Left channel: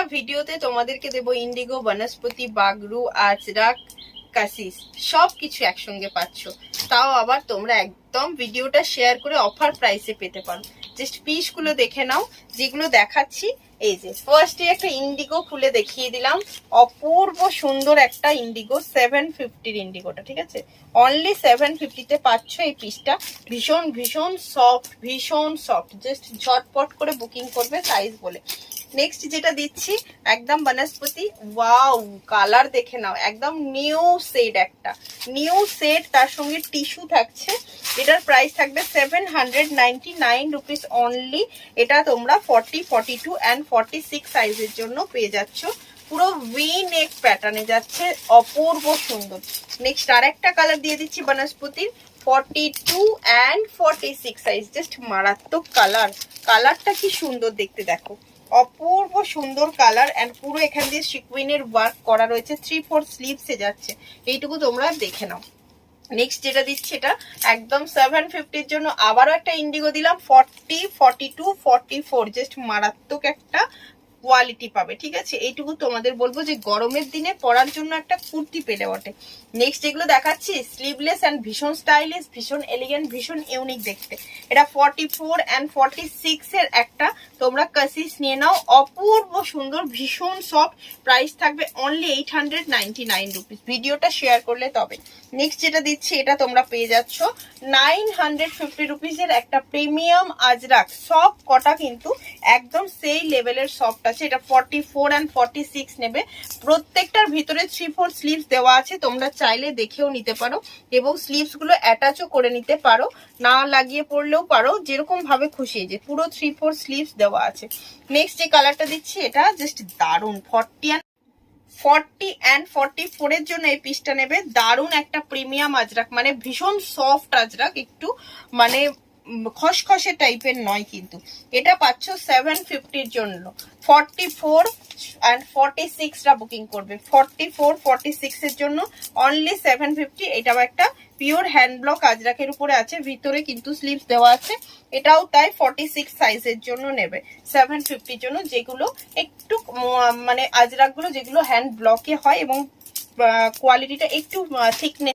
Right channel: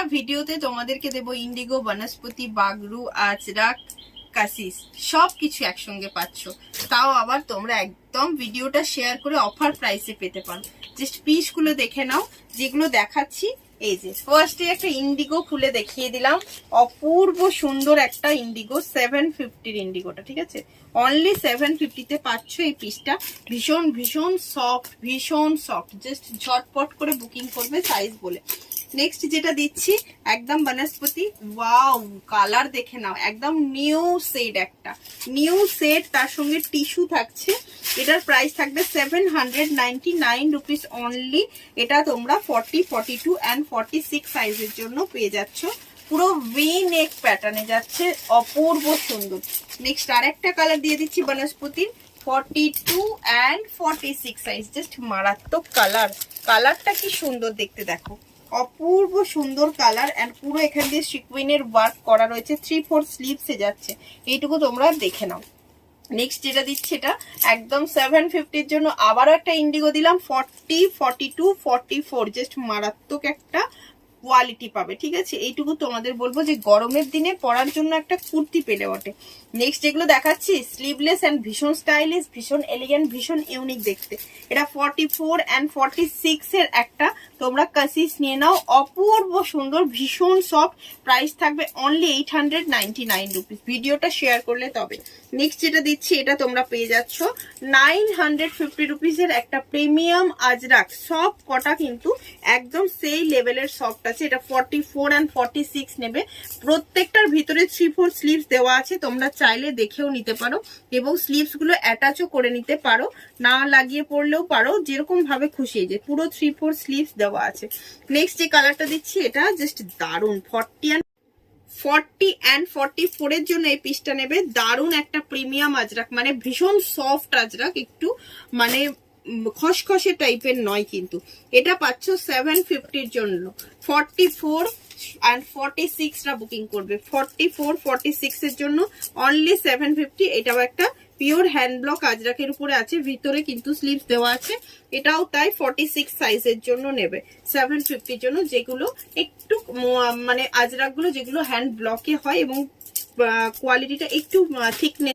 একটা ভিডিওতে তোমাদেরকে দেবো ইন্ডিগো, বনস্পতি, বাগরু, আজরাক, কাসিস সবকিছু একসঙ্গে পাচ্ছ। তাও আবার তোমরা একদম ভিডিওটা শেয়ার করে অফার প্রাইসে পেতে পারো। জাস্ট পিসগুলো দেখে নাও যেগুলো দেখাচ্ছি। এই যে ফার্স্টে একটা ইন্ডিগো খুলে দেখিয়ে দিলাম, অপূর্ব সুন্দর একটা ইন্ডিগো, 750 ইন্ডিগোটা, ঠিক আছে? অনলি 750-তে পাচ্ছ এই পিসটা। ভীষণ ভীষণ সফট, ভীষণ সফট, জাস্ট ঝটপট করে বুকিং করবে সাইজ বলে। নেক্সট যেটা দিচ্ছি একদম বনস্পতি, ওয়াও কালার দেখে নাও, একদম নিউ শেড, একটা নিউ শেড, তার সঙ্গে টিস্যু থাকছে। এটার প্রাইস থাকবে 799 রুপিস অনলি। এটা তোমরা 40, 42 অ্যান্ড 46 সাইজের জন্য পেয়ে যাচ্ছ। পুরো ভি নেক প্যাটার্নে যাচ্ছে, অপূর্ব সুন্দর। নেক্সট আর একটা কালার দিয়ে দিচ্ছি বনস্পতির, 42 অ্যান্ড 46 সাইজ, জাস্ট মারাত্মক কালার। কালারটা কি সুন্দর দেখতে, দেখো অপূর্ব সুন্দর কালার। অ্যান্ড পুরো এখান দিয়ে সিকুইনের ওয়ার্ক করা রয়েছে, 3/4 স্লিভসে যাচ্ছে। এইটুকু তোমরা দেখে নাও। নেক্সট যেটা দিচ্ছি এটা একদম 750-র জন্য আবারও একটা ইন্ডিগো দিলাম, 40, 42, 44, জাস্ট মারাত্মক একটা কোয়ালিটি পাবে, ঠিক আছে? এইটুকু তোমাদের বলবো যে গরমের দিনে পরার জন্য একটা কুর্তি পেলে বটে। নেক্সট যেগুলো দেখাচ্ছি স্লিভলেস অ্যান্ড ভীষণ স্টাইলিশ, ভীষণ এলিগেন্ট, ভীষণ ইউনিক দেখতে। এটা 44 অ্যান্ড 46 এর একটা তোমরা কাসিস নিয়ে নাও, অপূর্ব সুন্দর, ভীষণ সফট। প্রাইস থাকবে অনলি 899 রুপিস, ভিডিওটা শেয়ার করলে তবে। নেক্সট যেটা দিচ্ছি এটা তোমরা পেয়ে যাচ্ছ 950 রুপিসের একটা প্রিমিয়াম আজরাক, সব কটা কিন্তু একদম সেই লেভেলের সফট আছে। এটা 44 অ্যান্ড 46 নেবে। প্রত্যেকটার ভিতরে 3/4 স্লিভস দেওয়া আছে, তোমরা চাইলে দেখেও নিতে পারো এবং স্লিভস গুলো অ্যাটাচও করে নিতে পারো, না লাগিয়ে পড়লেও পারো, যেরকম ভাবে খুশি। যে পুরো 3/4 স্লিভস দেওয়া আছে। নেক্সট যে কালারটা দিচ্ছি এটা জাস্ট দারুণ, 40 অ্যান্ড 44 এর জন্য এই পিসটা নেবে। দারুণ একটা প্রিমিয়াম আজরাক, মানে ভীষণ সফট আজরাক, একটু মানে খসখসে টাইপের নয় কিন্তু। এটা পাচ্ছ 750-র জন্য। 44 অ্যান্ড 46টা বুকিং করবে, 44, 46 এর জন্য অনলি 750। এটাও একটা পিওর হ্যান্ড ব্লক আজরাকের উপরে আছে, ভিতরে কিন্তু স্লিভস দেওয়া আছে। এটাও তাই 46 সাইজের জন্য নেবে 750-র জন্য, যেগুলো একটু মানে আজরাক গুলো যেগুলো হ্যান্ড ব্লকে হয় এবং কোয়ালিটিটা একটু থিকনেস